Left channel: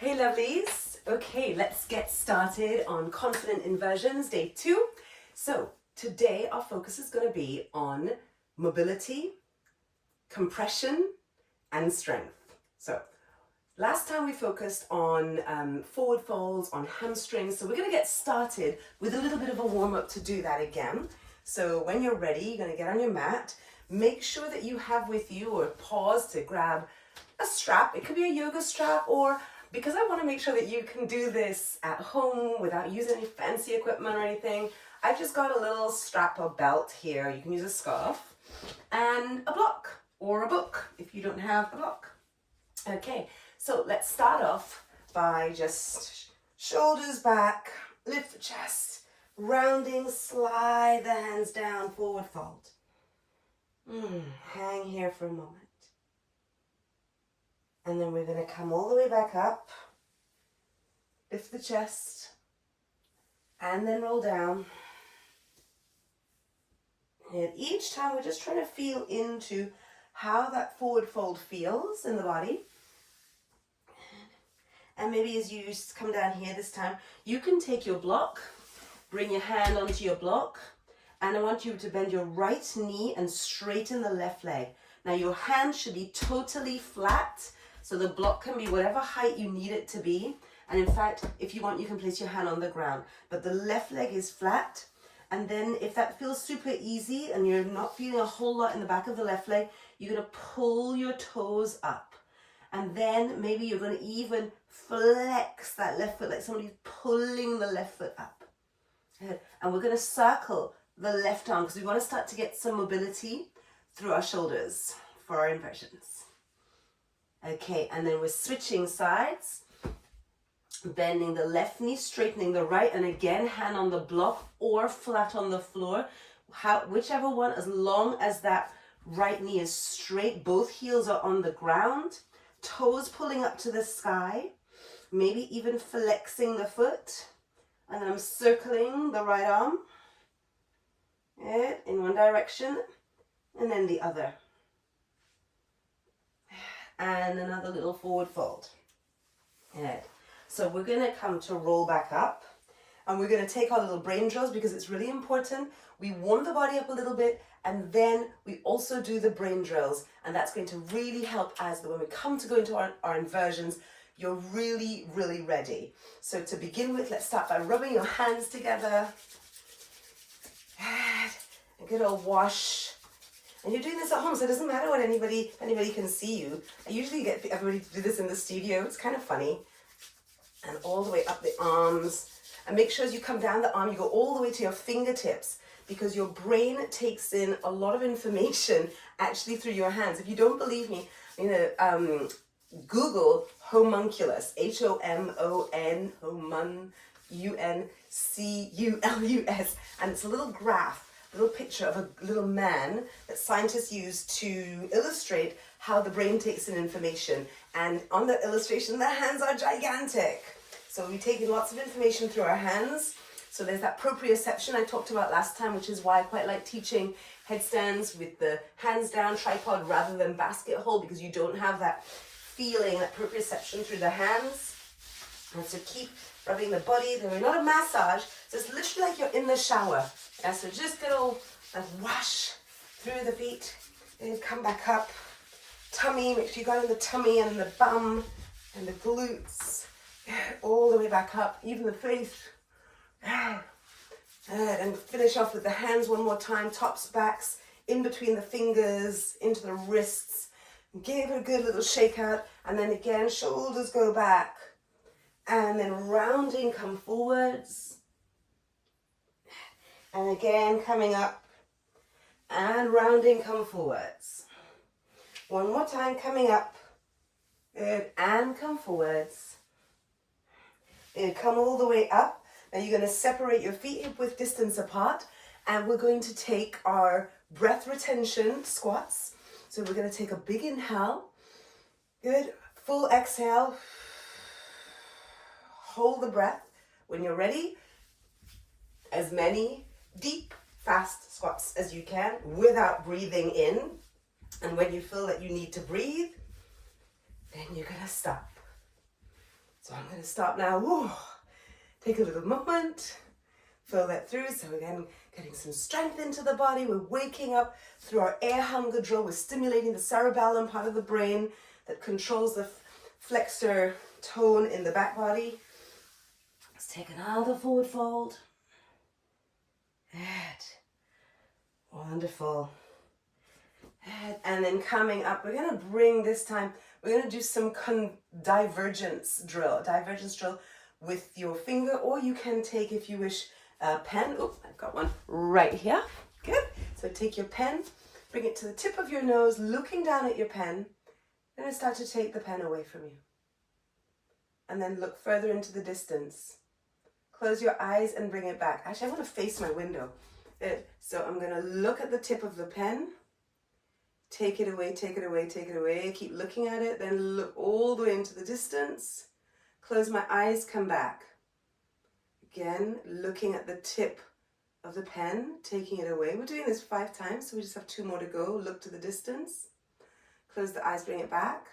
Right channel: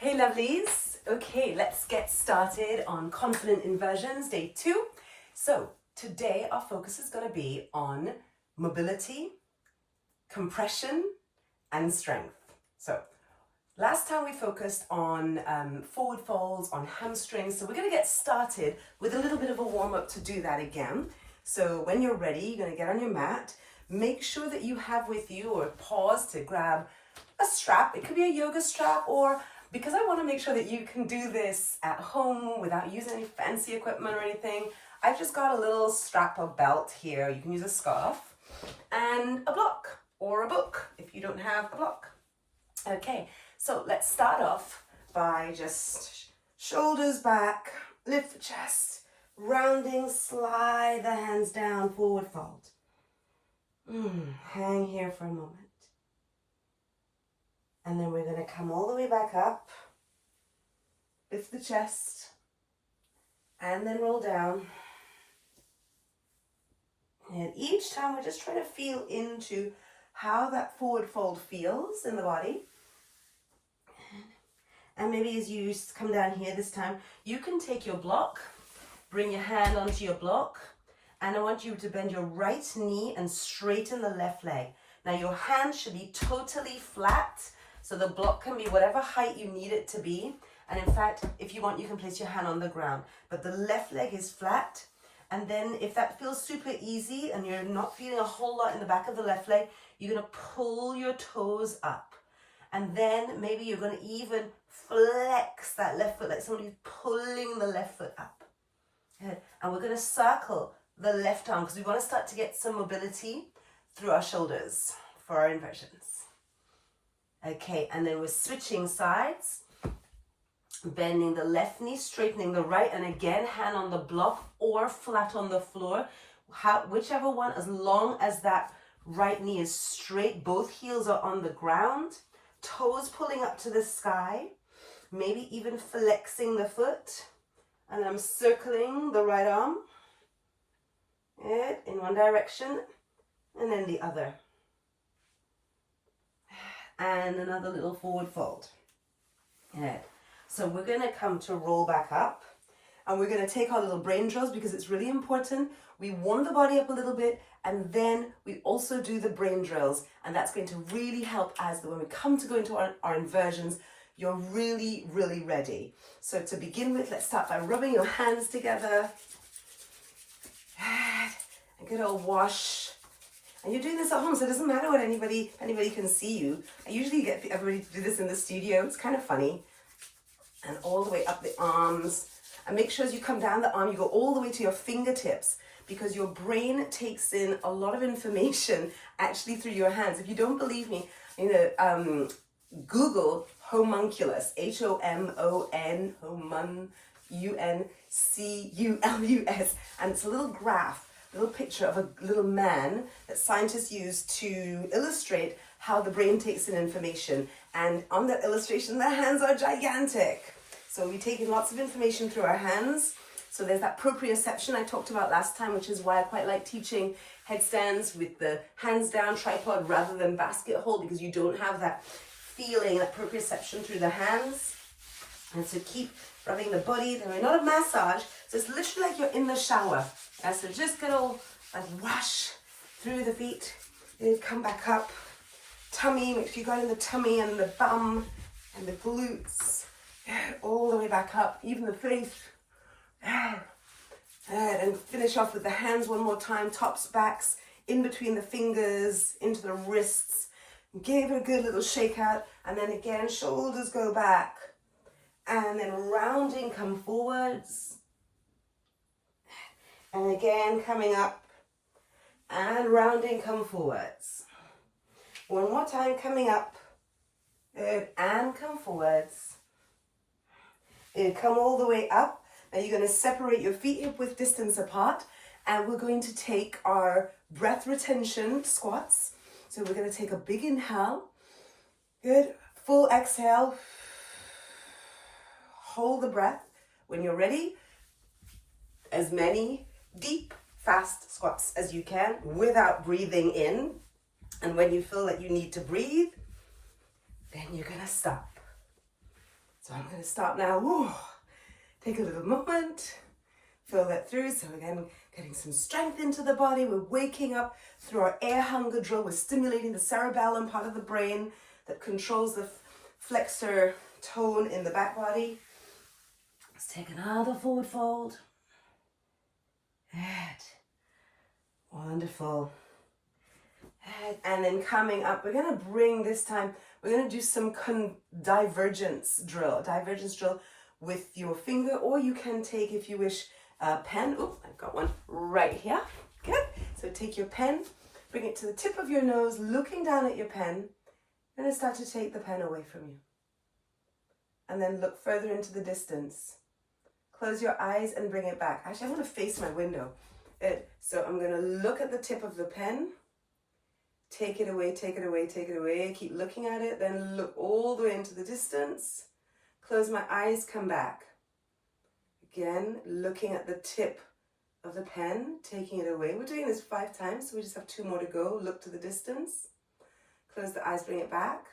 Hey lovelies, okay, let's get started on confident inversions, day 2. So today our focus is going to be on mobility, compression and strength. So last time we focused on forward folds, on hamstrings, so we're going to get started with a little bit of a warm-up to do that again. So when you're ready, you're going to get on your mat, make sure that you have with you, or pause to grab a strap. It could be a yoga strap, or because I want to make sure that you can do this at home without using any fancy equipment or anything, I've just got a little strap or belt here. You can use a scarf and a block or a book if you don't have a block. Okay, so let's start off by just shoulders back, lift the chest, rounding, slide the hands down, forward fold. Hang here for a moment. And then we're going to come all the way back up, lift the chest, and then roll down. And each time we're just trying to feel into how that forward fold feels in the body. And maybe as you come down here this time, you can take your block, bring your hand onto your block, and I want you to bend your right knee and straighten the left leg. Now your hand should be totally flat, so the block can be whatever height you need it to be. And in fact, if you want, you can place your hand on the ground. But the left leg is flat. And then if that feels super easy and you're not feeling a whole lot in the back of the left leg, you're going to pull your toes up. And then maybe you're going to even flex that left foot like somebody's pulling the left foot up. And we're going to circle the left arm because we want to start to get some mobility through our shoulders for our inversions. Okay, and then we're switching sides, bending the left knee, straightening the right, and again, hand on the block or flat on the floor, whichever one, as long as that right knee is straight, both heels are on the ground, toes pulling up to the sky, maybe even flexing the foot, and I'm circling the right arm in one direction, and then the other. And another little forward fold. So we're going to come to roll back up, and we're going to take our little brain drills because it's really important. We warm the body up a little bit, and then we also do the brain drills, and that's going to really help as when we come to go into our inversions, you're really, really ready. So to begin with, let's start by rubbing your hands together. And get a wash. And you're doing this at home, so it doesn't matter what anybody can see you. I usually get everybody to do this in the studio. It's kind of funny. And all the way up the arms. And make sure as you come down the arm, you go all the way to your fingertips, because your brain takes in a lot of information actually through your hands. If you don't believe me, Google homunculus, H-O-M-O-N, U-N-C-U-L-U-S, and it's a little graph, little picture of a little man that scientists use to illustrate how the brain takes in information. And on the illustration, the hands are gigantic. So we take in lots of information through our hands. So there's that proprioception I talked about last time, which is why I quite like teaching headstands with the hands down tripod rather than basket hold, because you don't have that feeling, that proprioception through the hands. And so keep rubbing the body. They're not a massage, so it's literally like you're in the shower. And so just good old wash through the feet, and come back up. Tummy, make sure you got in the tummy and the bum and the glutes, all the way back up, even the face. And finish off with the hands one more time, tops, backs, in between the fingers, into the wrists. Give it a good little shake out, and then again, shoulders go back. And then rounding, come forwards. And again, coming up. And rounding, come forwards. One more time, coming up. And come forwards. And come all the way up. Now you're going to separate your feet hip width distance apart. And we're going to take our breath retention squats. So we're going to take a big inhale. Good. Full exhale. Hold the breath. When you're ready, as many deep, fast squats as you can without breathing in. And when you feel that you need to breathe, then you're going to stop. So I'm going to stop now. Woo. Take a little moment, fill that through. So again, getting some strength into the body. We're waking up through our air hunger drill. We're stimulating the cerebellum part of the brain that controls the flexor tone in the back body. Let's take another forward fold. Good. Wonderful. Good. And then coming up, we're going to bring this time, we're going to do some divergence drill with your finger, or you can take, if you wish, a pen. Oh, I've got one right here. Good. So take your pen, bring it to the tip of your nose, looking down at your pen, and then start to take the pen away from you. And then look further into the distance. Close your eyes and bring it back. Actually, I want to face my window. Good. So I'm going to look at the tip of the pen. Take it away, take it away, take it away. Keep looking at it, then look all the way into the distance. Close my eyes, come back. Again, looking at the tip of the pen, taking it away. We're doing this 5 times, so we just have 2 more to go. Look to the distance. Close the eyes, bring it back.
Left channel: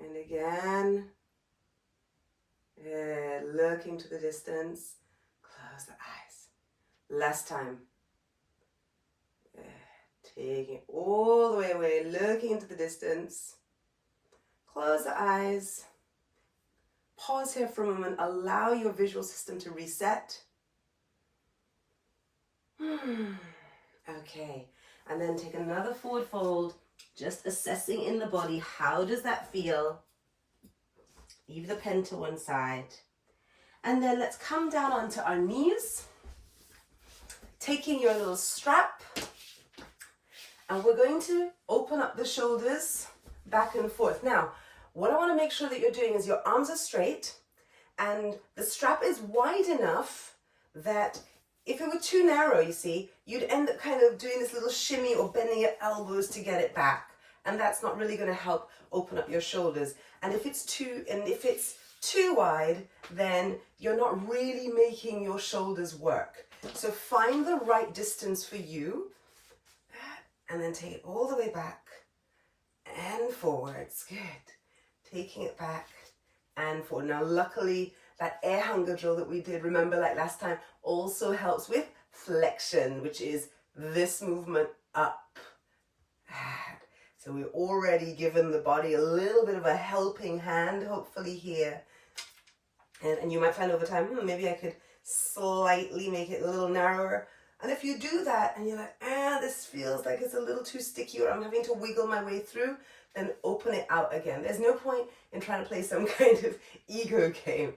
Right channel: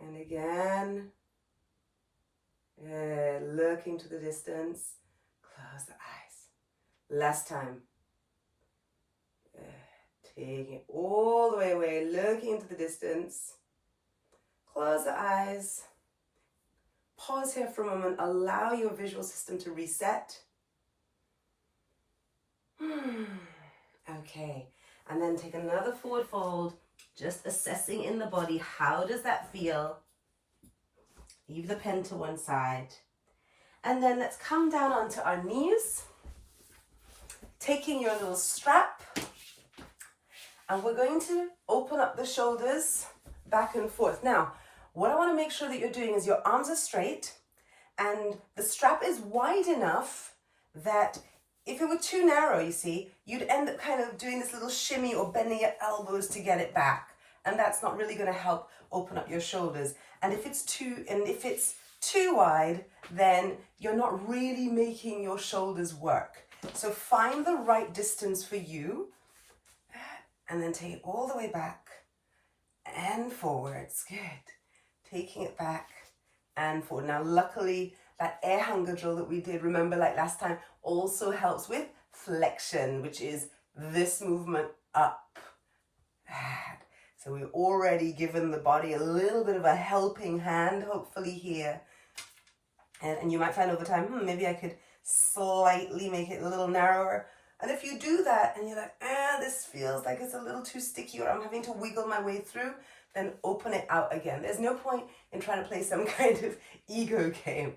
And again, looking to the distance. Close the eyes. Last time. Taking it all the way away, looking into the distance. Close the eyes. Pause here for a moment. Allow your visual system to reset. Okay. And then take another forward fold. Just assessing in the body. How does that feel? Leave the pen to one side. And then let's come down onto our knees. Taking your little strap. And we're going to open up the shoulders back and forth. Now, what I want to make sure that you're doing is your arms are straight and the strap is wide enough that if it were too narrow, you see, you'd end up kind of doing this little shimmy or bending your elbows to get it back. And that's not really going to help open up your shoulders. And if it's too wide, then you're not really making your shoulders work. So find the right distance for you. And then take it all the way back and forwards. Good. Taking it back and forward. Now, luckily, that air hunger drill that we did, remember like last time, also helps with flexion, which is this movement up. So we've already given the body a little bit of a helping hand, hopefully here. And you might find over time, maybe I could slightly make it a little narrower. And if you do that and you're like, this feels like it's a little too sticky or I'm having to wiggle my way through, then open it out again. There's no point in trying to play some kind of ego game.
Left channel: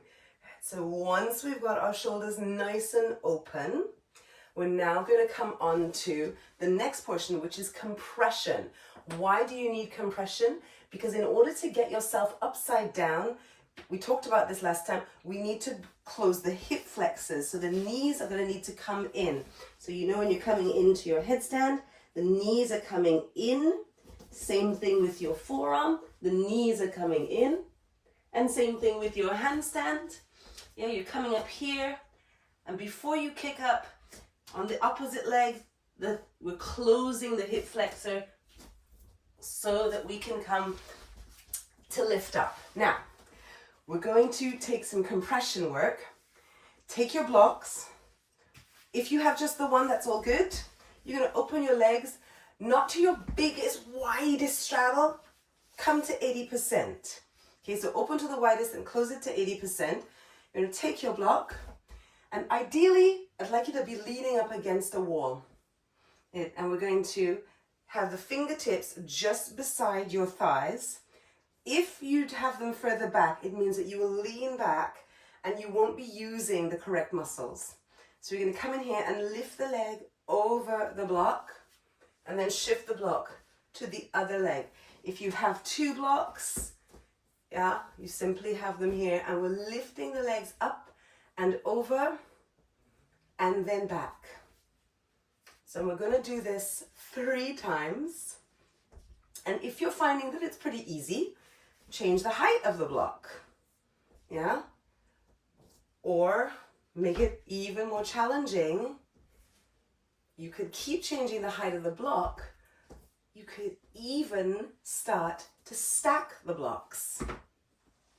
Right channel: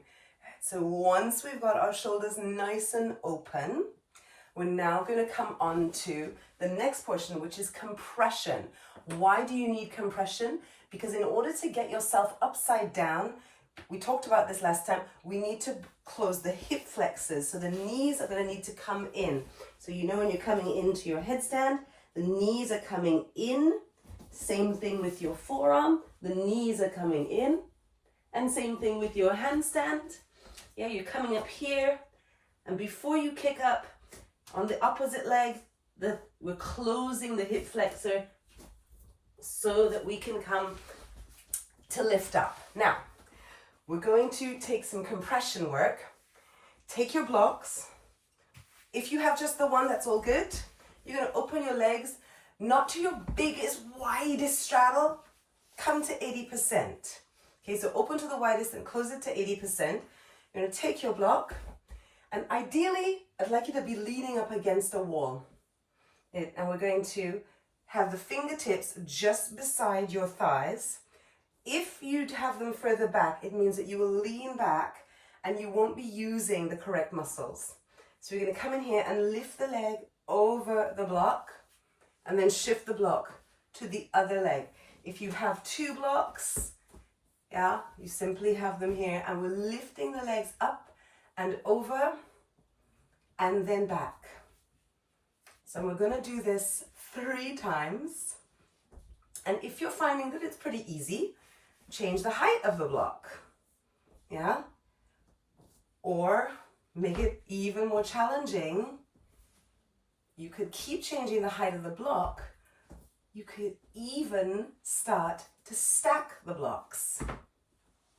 So once we've got our shoulders nice and open, we're now going to come on to the next portion, which is compression. Why do you need compression? Because in order to get yourself upside down, we talked about this last time, we need to close the hip flexors. So the knees are going to need to come in. So you know when you're coming into your headstand, the knees are coming in. Same thing with your forearm. The knees are coming in. And same thing with your handstand. Yeah, you're coming up here. And before you kick up on the opposite leg, we're closing the hip flexor so that we can come to lift up. Now, we're going to take some compression work. Take your blocks. If you have just the one, that's all good. You're going to open your legs, not to your biggest, widest straddle. Come to 80%. Okay, so open to the widest and close it to 80%. You're going to take your block. And ideally, I'd like you to be leaning up against a wall. And we're going to have the fingertips just beside your thighs. If you have them further back, it means that you will lean back and you won't be using the correct muscles. So you're going to come in here and lift the leg over the block and then shift the block to the other leg. If you have 2 blocks, yeah, you simply have them here and we're lifting the legs up and over and then back. So we're going to do this 3 times. And if you're finding that it's pretty easy, change the height of the block, yeah? Or make it even more challenging. You could keep changing the height of the block. You could even start to stack the blocks.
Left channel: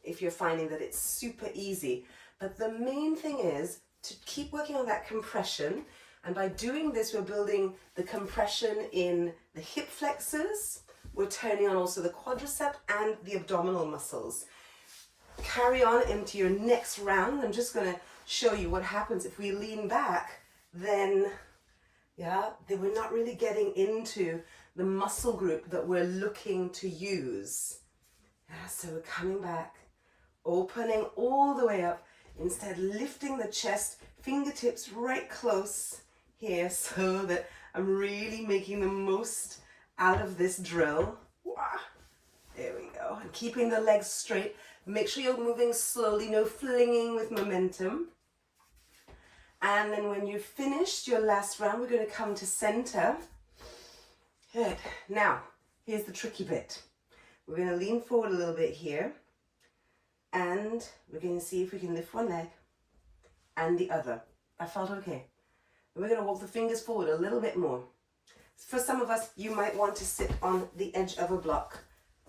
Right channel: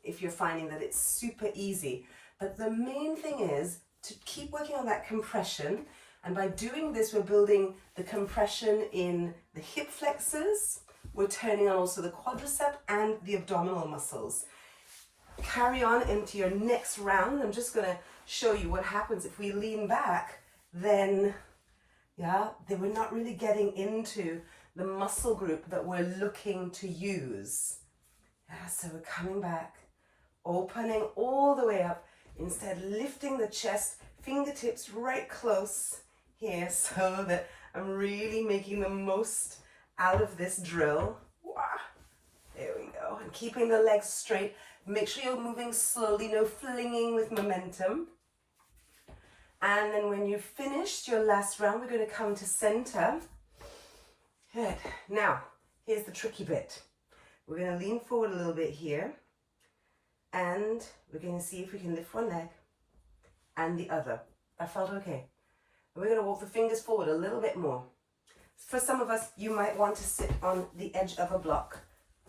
if you're finding that it's super easy. But the main thing is to keep working on that compression. And by doing this, we're building the compression in the hip flexors. We're turning on also the quadricep and the abdominal muscles. Carry on into your next round. I'm just going to show you what happens if we lean back. Then we're not really getting into the muscle group that we're looking to use. So we're coming back, opening all the way up, instead lifting the chest, fingertips right close here so that I'm really making the most out of this drill. There we go. And keeping the legs straight. Make sure you're moving slowly, no flinging with momentum. And then when you've finished your last round, we're going to come to center. Good. Now, here's the tricky bit. We're going to lean forward a little bit here. And we're going to see if we can lift one leg and the other. That felt okay. And we're going to walk the fingers forward a little bit more. For some of us, you might want to sit on the edge of a block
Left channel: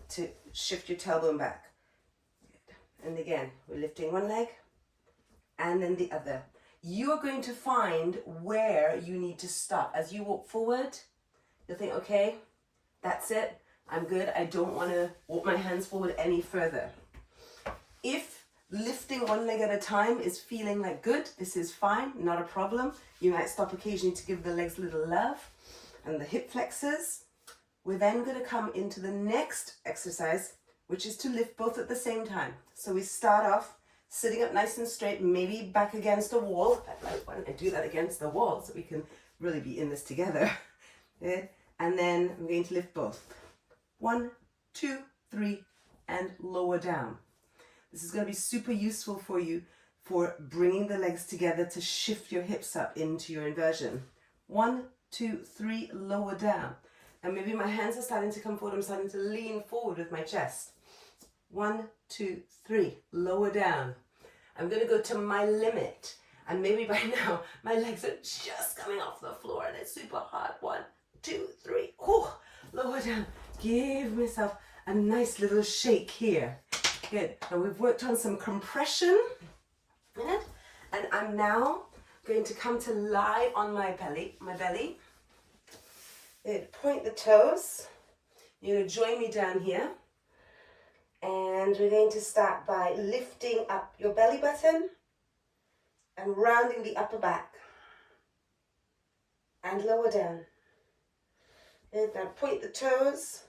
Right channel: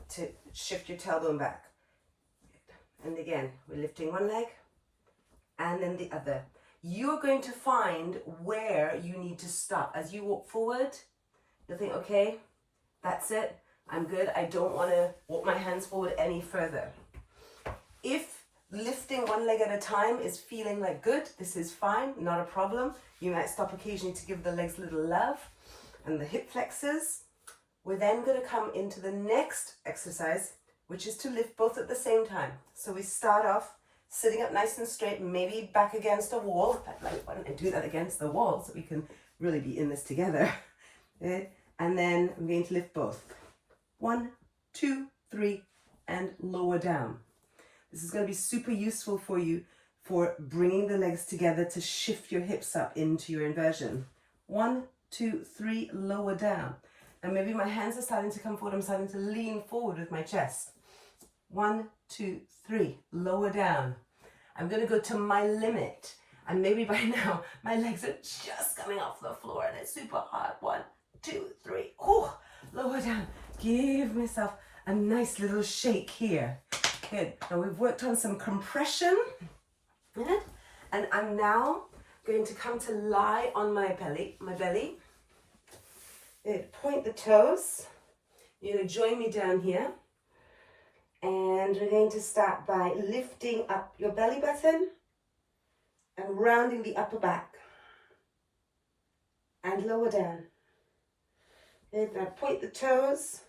to shift your tailbone back. And again, we're lifting one leg and then the other. You're going to find where you need to stop. As you walk forward, you'll think, okay, that's it. I'm good. I don't want to walk my hands forward any further. If lifting one leg at a time is feeling like good, this is fine, not a problem. You might stop occasionally to give the legs a little love and the hip flexors. We're then going to come into the next exercise, which is to lift both at the same time. So we start off sitting up nice and straight, maybe back against a wall. Why don't I do that against the wall so we can really be in this together. Good. And then I'm going to lift both. 1, 2, 3, and lower down. This is going to be super useful for you for bringing the legs together to shift your hips up into your inversion. 1, 2, 3, lower down. And maybe my hands are starting to come forward. I'm starting to lean forward with my chest. 1, 2, 3, lower down. I'm going to go to my limit. And maybe by now, my legs are just coming off the floor and it's super hard. 1, 2, 3, lower down. Give myself a nice little shake here. Good. Now we've worked on some compression. And I'm now going to come to lie on my belly. Good. Point the toes. You're going to join me down here. And we're going to start by lifting up your belly button and rounding the upper back. And lower down. Good. Now point the toes.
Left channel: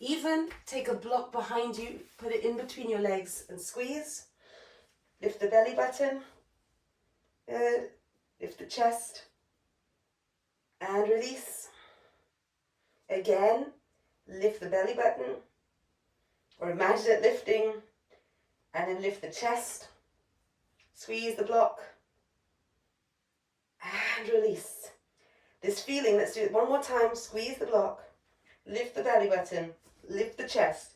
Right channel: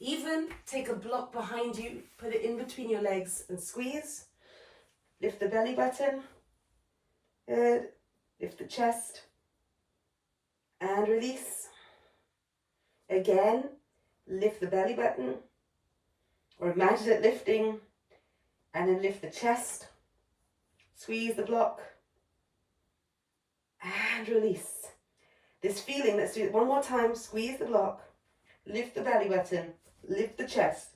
Even take a block behind you, put it in between your legs and squeeze. Lift the belly button. Good. Lift the chest. And release. Again, lift the belly button. Or imagine it lifting. And then lift the chest. Squeeze the block. And release. This feeling, let's do it one more time. Squeeze the block. Lift the belly button. Lift the chest,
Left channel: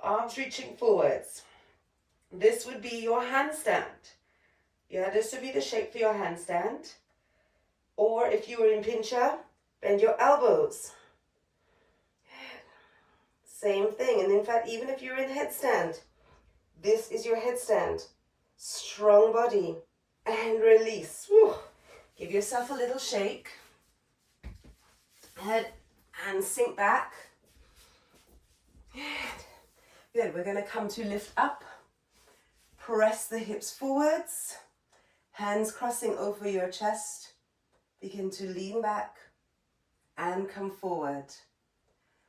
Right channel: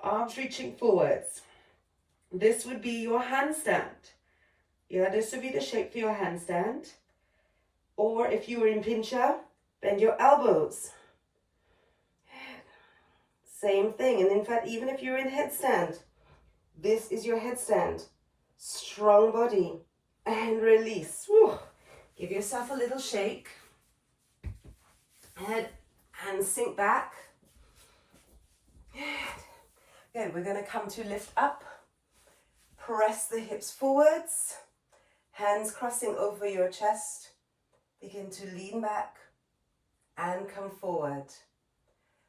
arms reaching forwards. This would be your handstand. Yeah, this would be the shape for your handstand. Or if you were in pincha, bend your elbows. Same thing. And in fact, even if you're in headstand, this is your headstand. Strong body. And release. Woo. Give yourself a little shake. Head and sink back. Good. We're going to come to lift up. Press the hips forwards. Hands crossing over your chest. Begin to lean back and come forward.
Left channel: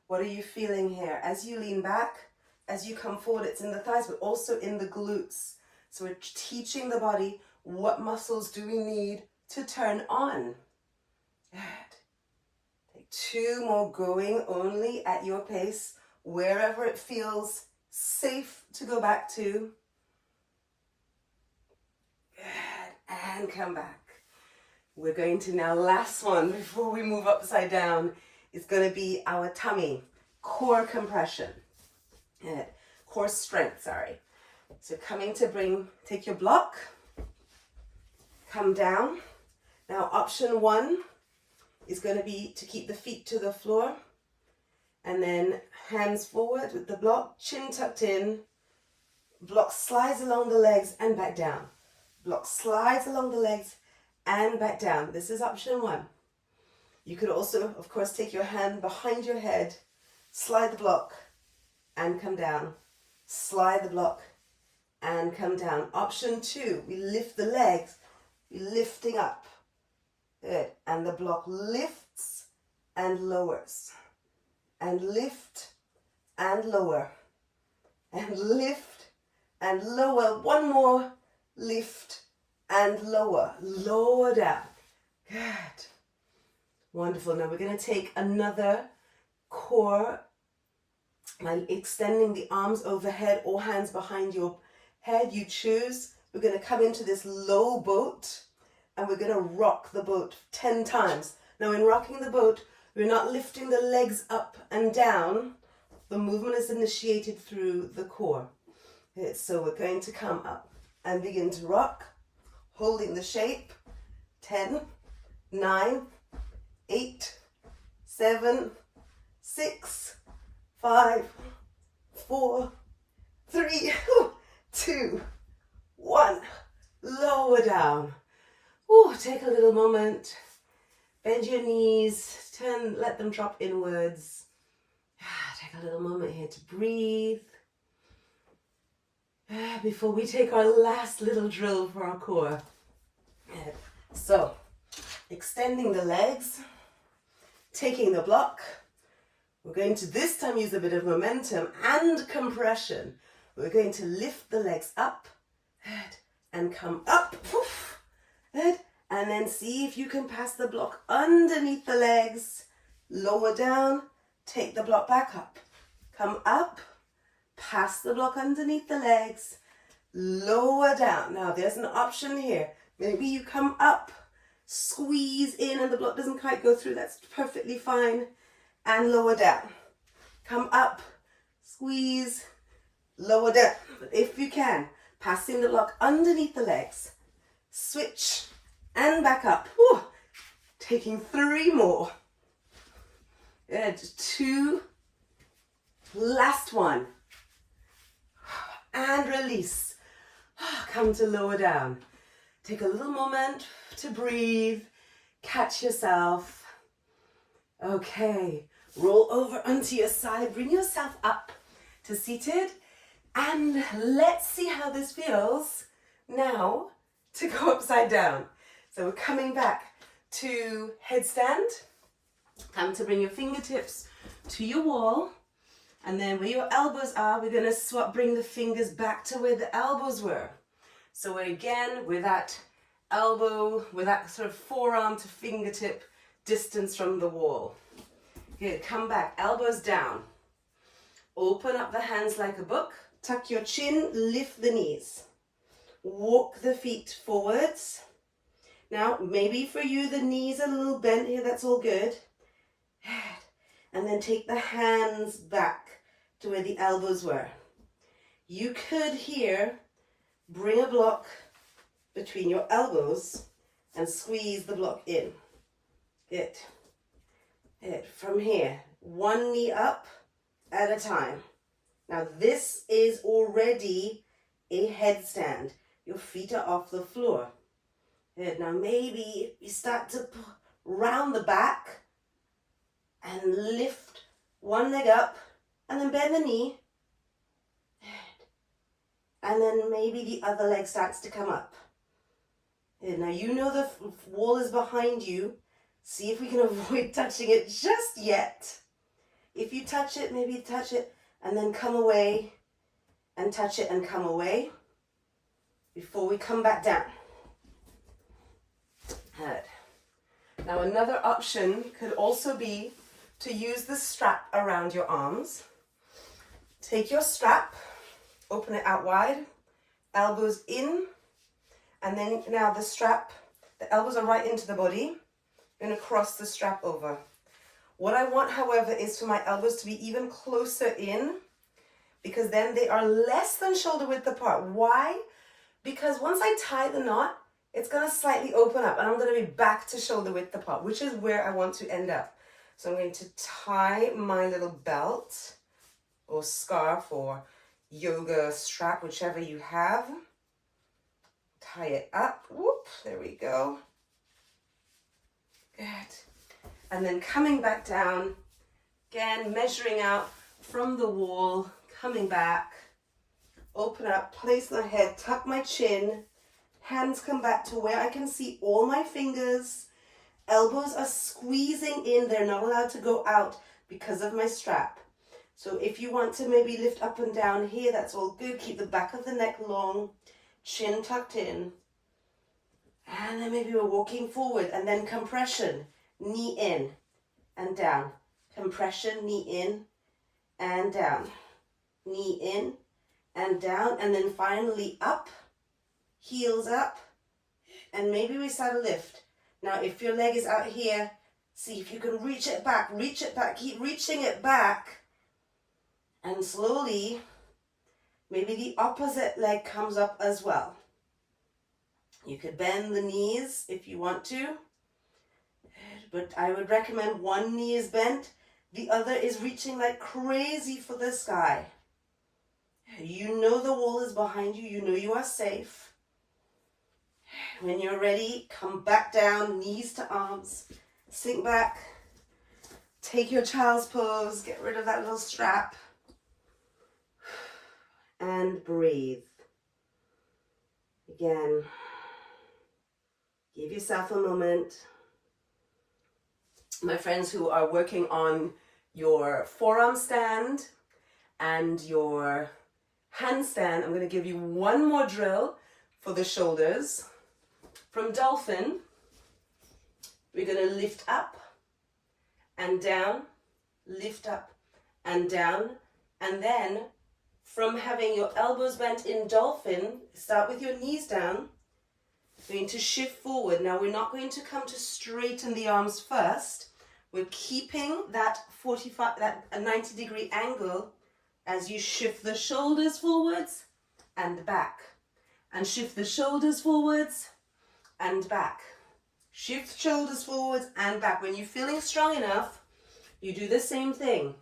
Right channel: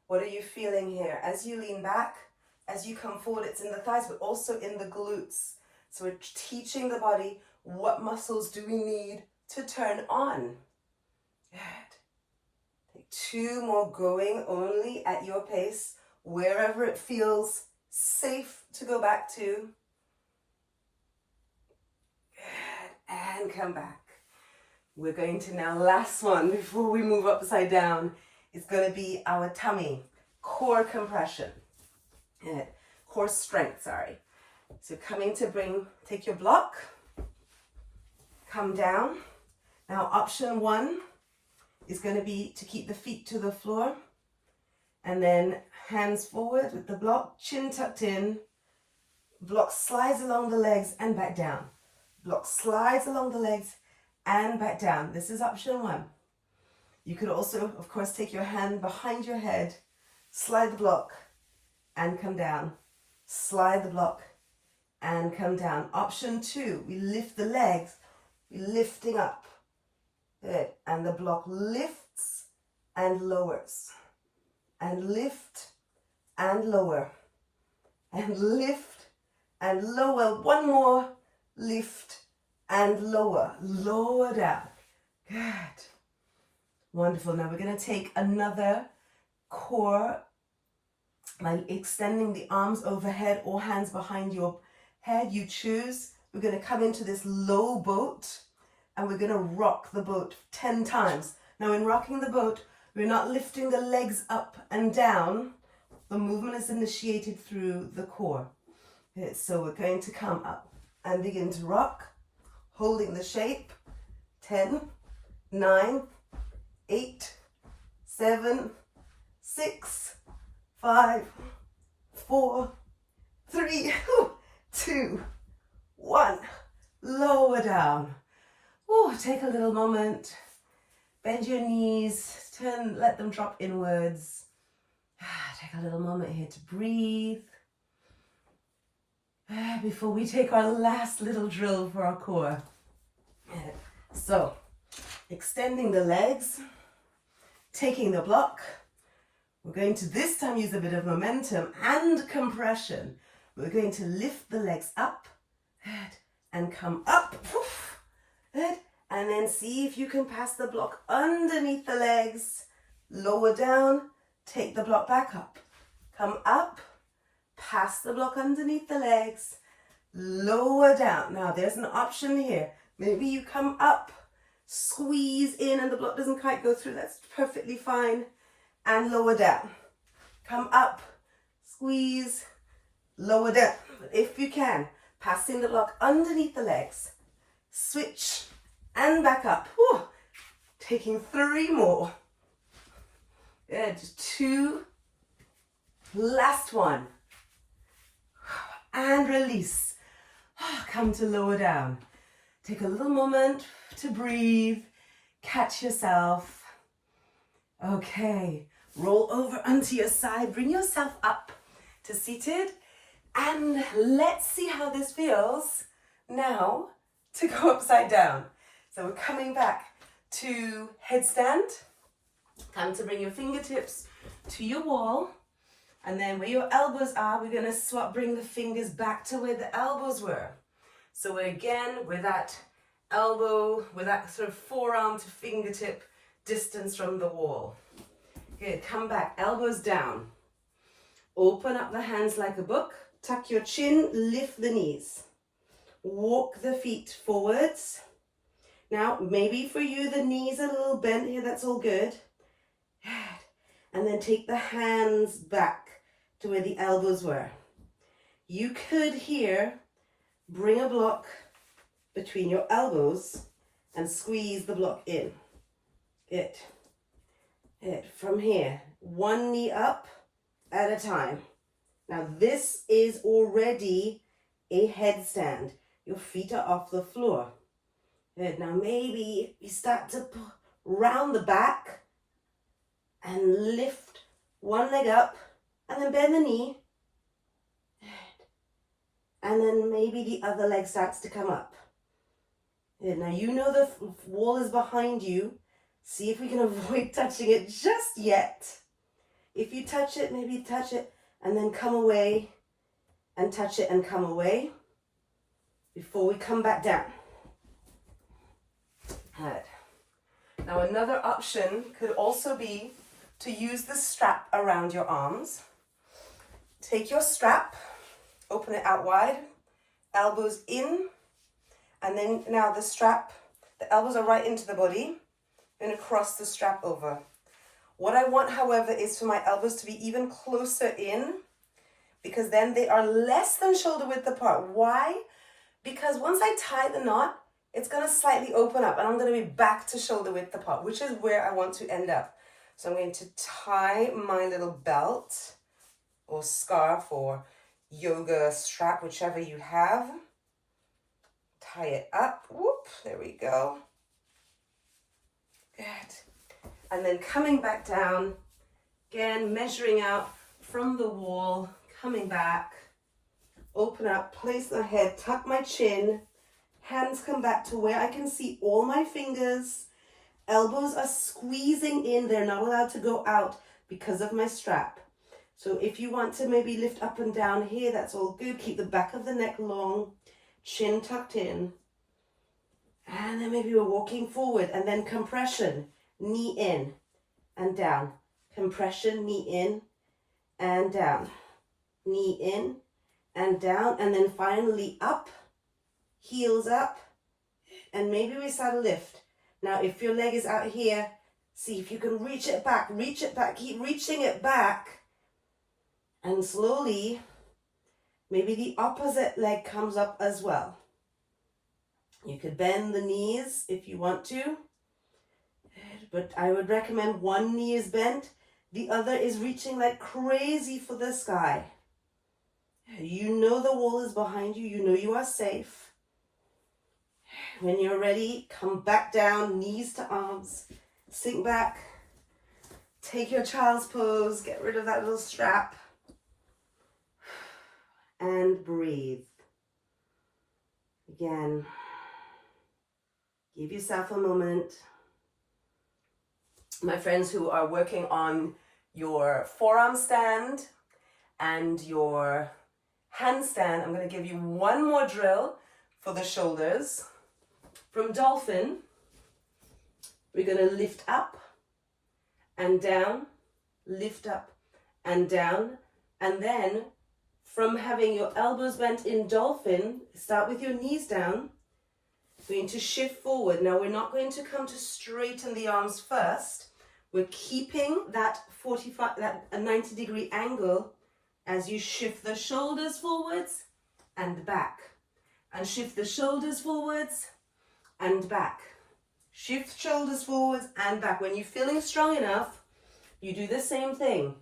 What are you feeling here? As you lean back, as you come forward, it's in the thighs, but also in the glutes. So we're teaching the body what muscles do we need to turn on. Good. Take 2 more going only at your pace, wherever it feels safe to go back to. Good. And come back. We're going to now, last one before we move upside down, is going to be our tummy, core compression, core strength, sorry. So coming to take your block, come down. Now option 1 is going to be to keep the feet to the floor and then hands forward with the block, chin tucked in, Block slides along the legs and back down. Block slides along the legs and back down. This is option one. You could also, of course, take your hand behind your head, slide the block and come down. Slide the block and come down. Option two, we lift the legs, we're lifting up. Good. And the block lifts and lowers. And lift and lower. And lift and lower. One more. Lift and lower. Lower down. Good. Wonderful. Now we're going to take another core by extending the arms overhead or hands behind your head. You choose. We're going to come into this low boat and we're going to rock the boat 10 times. Now in rocking the boat, we're not lifting the legs up and down. The movement is initiated through the core. Okay, so we're going to come up and begin to rock, holding the shape. 10, 9, 8, 7, 6, 5, 4, 3, 2, 1. Lower down. Ooh, take a little moment. Bend your knees. Let them drop inwards. Take a little moment here to breathe. Before we take our last little drill for our core. So, extending the legs, taking the block. We're going to this time use a bit of momentum and compression. We're going to lift the legs up and come up. And then see if you can pass the block underneath the legs. Lower down, take the block back up. Come up, pass the block underneath the legs. Lower down. Now there's an option here. Maybe you come up, squeeze in and the block doesn't quite go through. That's perfectly fine. And lower down. Come up, squeeze, lower down. But if you can, passing the block underneath the legs. Switch and back up. Ooh, taking 3 more. Good. 2. Last one. And release. Come to lower down. Take a little moment to breathe. Catch yourself. Okay. Roll over onto your side. Bring yourself up to seated. And let's see how this feels now to go upside down. So we're coming back to headstand. Time to bring your fingertips to your wall. And then where your elbows are, we're going to bring the fingers back to where the elbows were. So again, with that elbow, with that sort of forearm to fingertip distance from the wall. Good, come back, elbows down. Open up the hands like a book. Tuck your chin, lift the knees. Walk the feet forwards. Now, maybe for you, the knees are a little bent here. That's all good. And then take the hands back to where the elbows were. You could here bring a block between your elbows and squeeze the block in. It. From here, one knee up at a time. Now, this is already a headstand. Your feet are off the floor. Good. Now, maybe you start to round the back and lift one leg up and then bend the knee. And then maybe the other leg starts to come up. Good. Now, you know the wall is behind you. See if we can avoid touching it just yet. If you touch it, maybe touch it and then come away and touch it and come away before we come back down. Good. Now another option could also be to use the strap around your arms. Take your strap, open it out wide, elbows in, and then now the strap, the elbows are right into the body. I'm going to cross the strap over. What I want, however, is for my elbows to be even closer in, because then they are less than shoulder width apart. Why? Because once I tie the knot, it's going to slightly open up and I'm going to be back to shoulder width apart, which is where I want to end up. So I'm going to tie my little belt or scarf or yoga strap, whichever you have. Tie it up. Whoop, there we go. Good. And then coming back down, again, measuring out from the wall, coming back, open up, place the head, tuck my chin, hands come back to where I can see all my fingers, elbows are squeezing in, they're not allowed to go out because of my strap. So if you want to maybe lift up and down here, that's all good. Keep the back of the neck long, chin tucked in. And then maybe we're walking forward, and then compression, knee in and down. Compression, knee in and down. Knee in and down, and then finally up, heels up, and maybe we start a lift. Now, if your leg is out here, see if you can reach it back, keep reaching it back, and slowly, maybe the opposite leg comes up as well. You could bend the knees if you want to, but I would recommend one knee is bent, the other is reaching like crazy for the sky. You know the wall is behind you, you know you are safe. When you're ready, come back down, knees to arms, sink back, take your child's pose, get rid of that little strap, and breathe. Again, give yourself a moment. My friends who are working on your forearm stand and your handstand, I'm going to give you one more drill for the shoulders. From dolphin, we're going to lift up and down, lift up and down, and then from having your elbows bent in dolphin, start with your knees down. We're going to shift forward. Now we're not going to come to straighten the arms first. We're keeping that 90-degree angle as you shift the shoulders forwards and back. And shift the shoulders forwards and back. Shift shoulders forwards and back. When you're feeling strong enough, you do the same thing.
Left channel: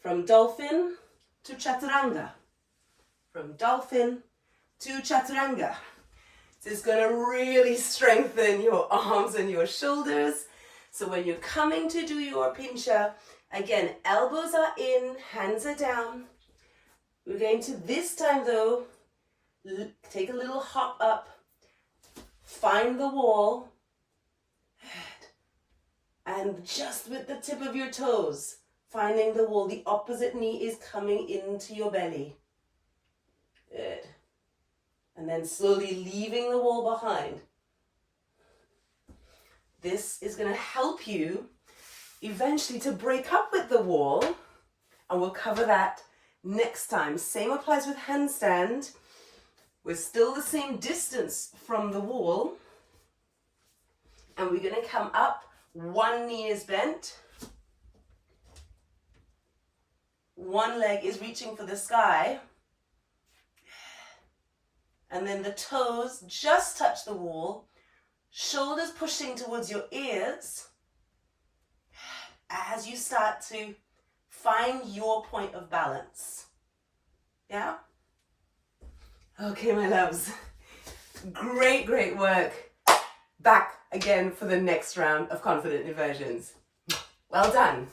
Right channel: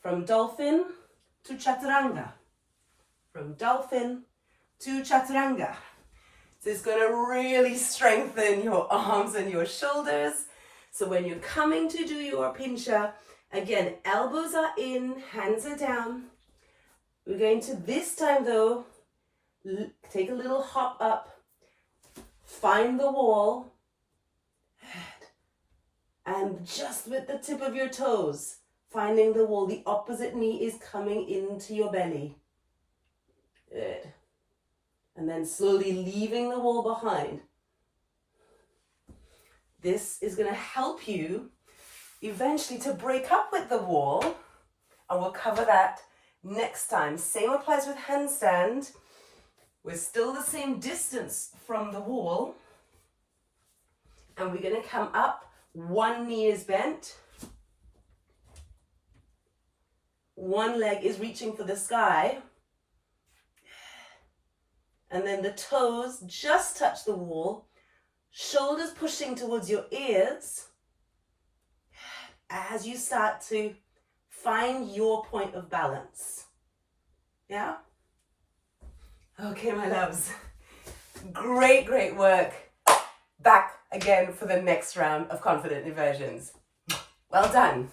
From dolphin to chaturanga. From dolphin to chaturanga. This is going to really strengthen your arms and your shoulders. So when you're coming to do your pincha, again, elbows are in, hands are down. We're going to this time though, take a little hop up, find the wall, and just with the tip of your toes, finding the wall, the opposite knee is coming into your belly. Good. And then slowly leaving the wall behind. This is going to help you eventually to break up with the wall, and we'll cover that next time. Same applies with handstand. We're still the same distance from the wall, and we're going to come up. One knee is bent. One leg is reaching for the sky. And then the toes just touch the wall. Shoulders pushing towards your ears as you start to find your point of balance. Yeah? Okay, my loves. Great, great work. Back again for the next round of confident inversions. Well done.